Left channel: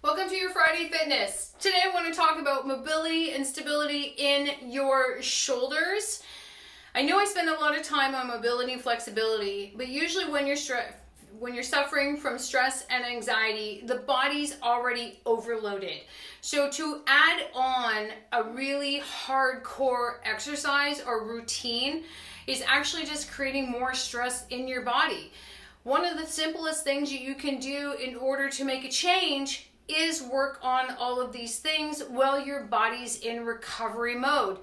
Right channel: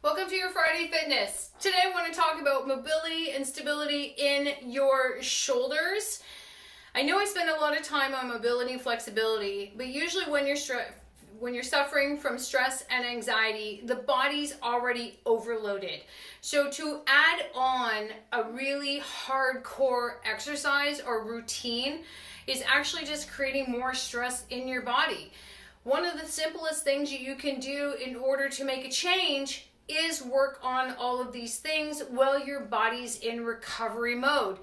Welcome to your Friday Fitness. Today I want to talk about mobility and stability in your shoulders. I know I spend a lot of time on mobility and flexibility, but usually when you're suffering from stress and anxiety, the body's already overloaded. So to add on a really hardcore exercise or routine is actually just creating more stress in your body. One of the simplest things you can do in order to make a change is work on all of these things while your body's in recovery mode.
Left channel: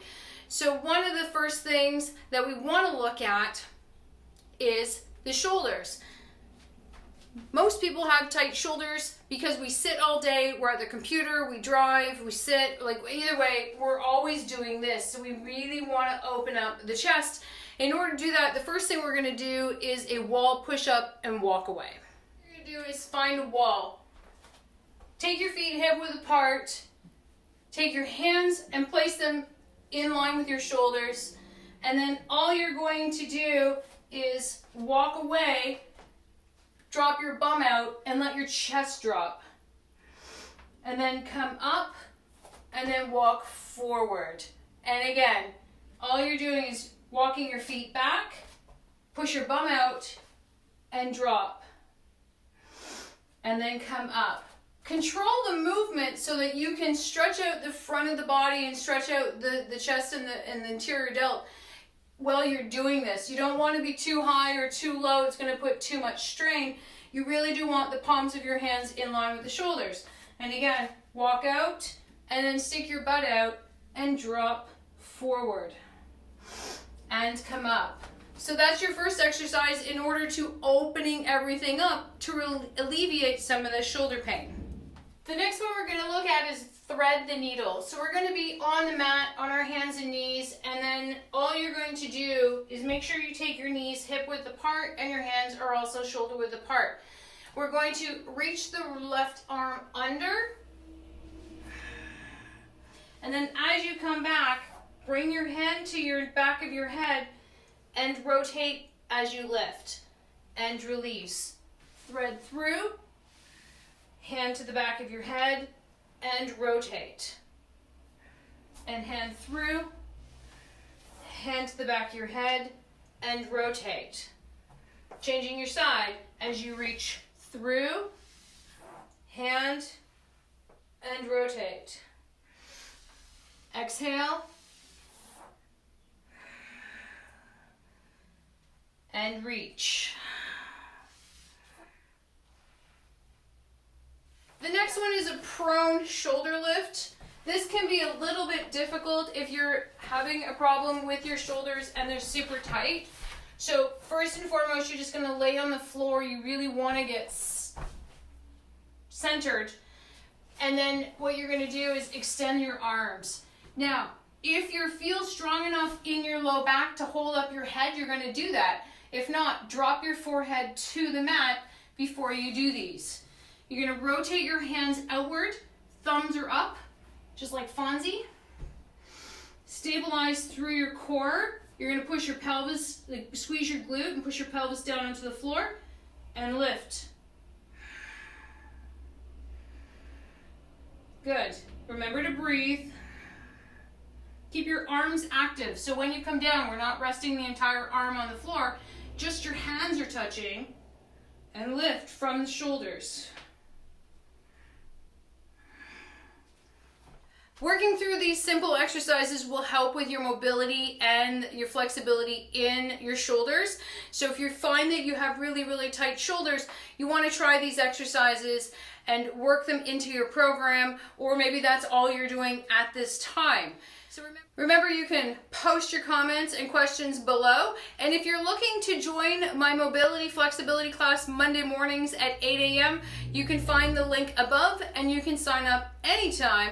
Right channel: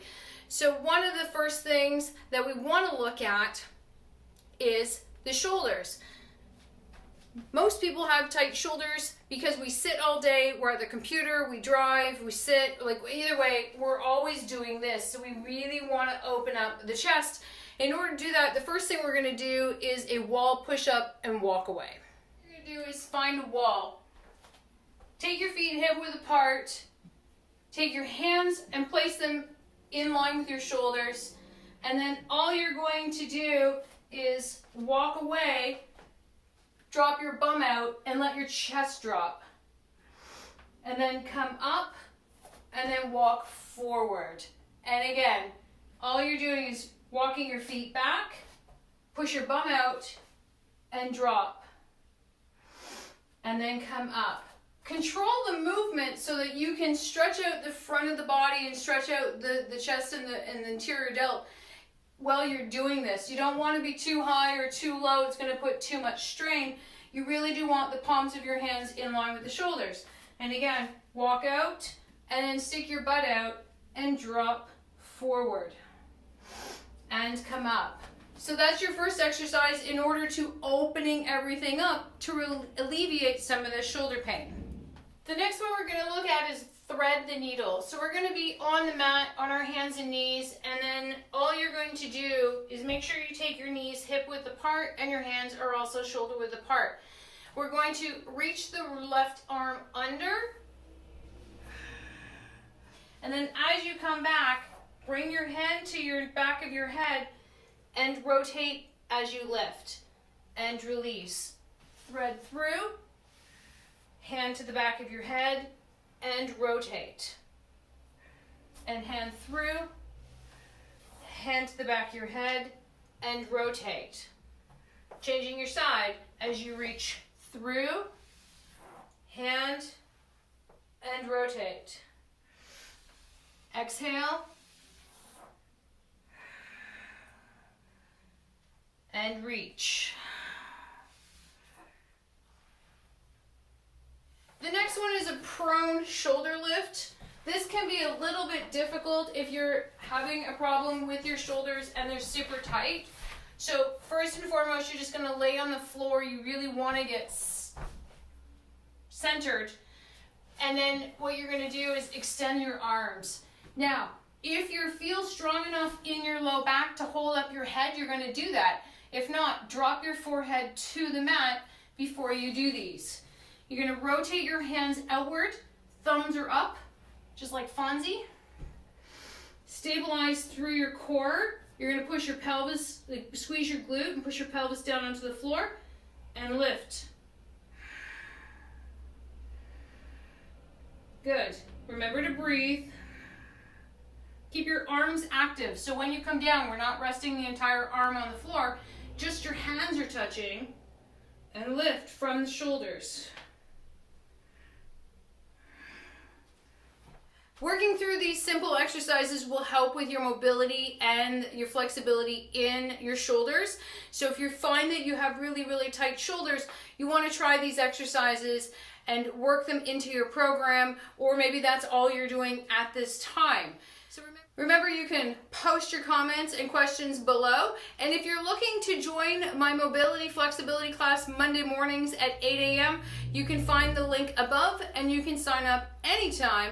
So one of the first things that we want to look at is the shoulders. Most people have tight shoulders because we sit all day, we're at the computer, we drive, we sit, like either way, we're always doing this. So we really want to open up the chest. In order to do that, the first thing we're going to do is a wall push-up and walk away. What you're going to do is find a wall. Take your feet hip-width apart. Take your hands and place them in line with your shoulders. And then all you're going to do is walk away, drop your bum out, and let your chest drop. And then come up, and then walk forward. And again, all you're doing is walking your feet back, push your bum out, and drop. And then come up. Control the movement so that you can stretch out the front of the body and stretch out the chest and the interior delt while you're doing this. You don't want to be too high or too low. It's going to put too much strain. You really do want the palms of your hands in line with the shoulders. And again, walk out and then stick your butt out and drop forward and come up. So that's your first exercise in order to opening everything up to alleviate some of the shoulder pain. The next one we're going to look at is thread the needle. So we're going to be on the mat on our hands and knees, and then all you're going to do is make sure you take your knees hip width apart and your hands are also shoulder width apart. We're going to reach the left arm under, and then as you come back, bring your hand to your back of your head and rotate as you lift and release. Thread through. Hand to the back of your head and rotate. And hand through, hand to the back of your head and rotate. Changing your side as you reach through, hand and rotate. Exhale and reach. The next one is a prone shoulder lift. This can be a little bit difficult if you're having a problem with your shoulders and they're super tight. So first and foremost, you're just going to lay on the floor. You really want to get centered. And then what you're going to do is extend your arms. Now, if you feel strong enough in your low back to hold up your head, you're going to do that. If not, drop your forehead to the mat before you do these. You're going to rotate your hands outward, thumbs are up, just like Fonzie. Stabilize through your core. You're going to push your pelvis, like squeeze your glute and push your pelvis down onto the floor and lift. Good. Remember to breathe. Keep your arms active. So when you come down, we're not resting the entire arm on the floor, just your hands are touching, and lift from the shoulders. Working through these simple exercises will help with your mobility and your flexibility in your shoulders. So if you find that you have really, really tight shoulders, you want to try these exercises and work them into your program, or maybe that's all you're doing at this time. So remember, you can post your comments and questions below. And if you're looking to join my mobility flexibility class Monday mornings at 8 a.m., you can find the link above and you can sign up anytime.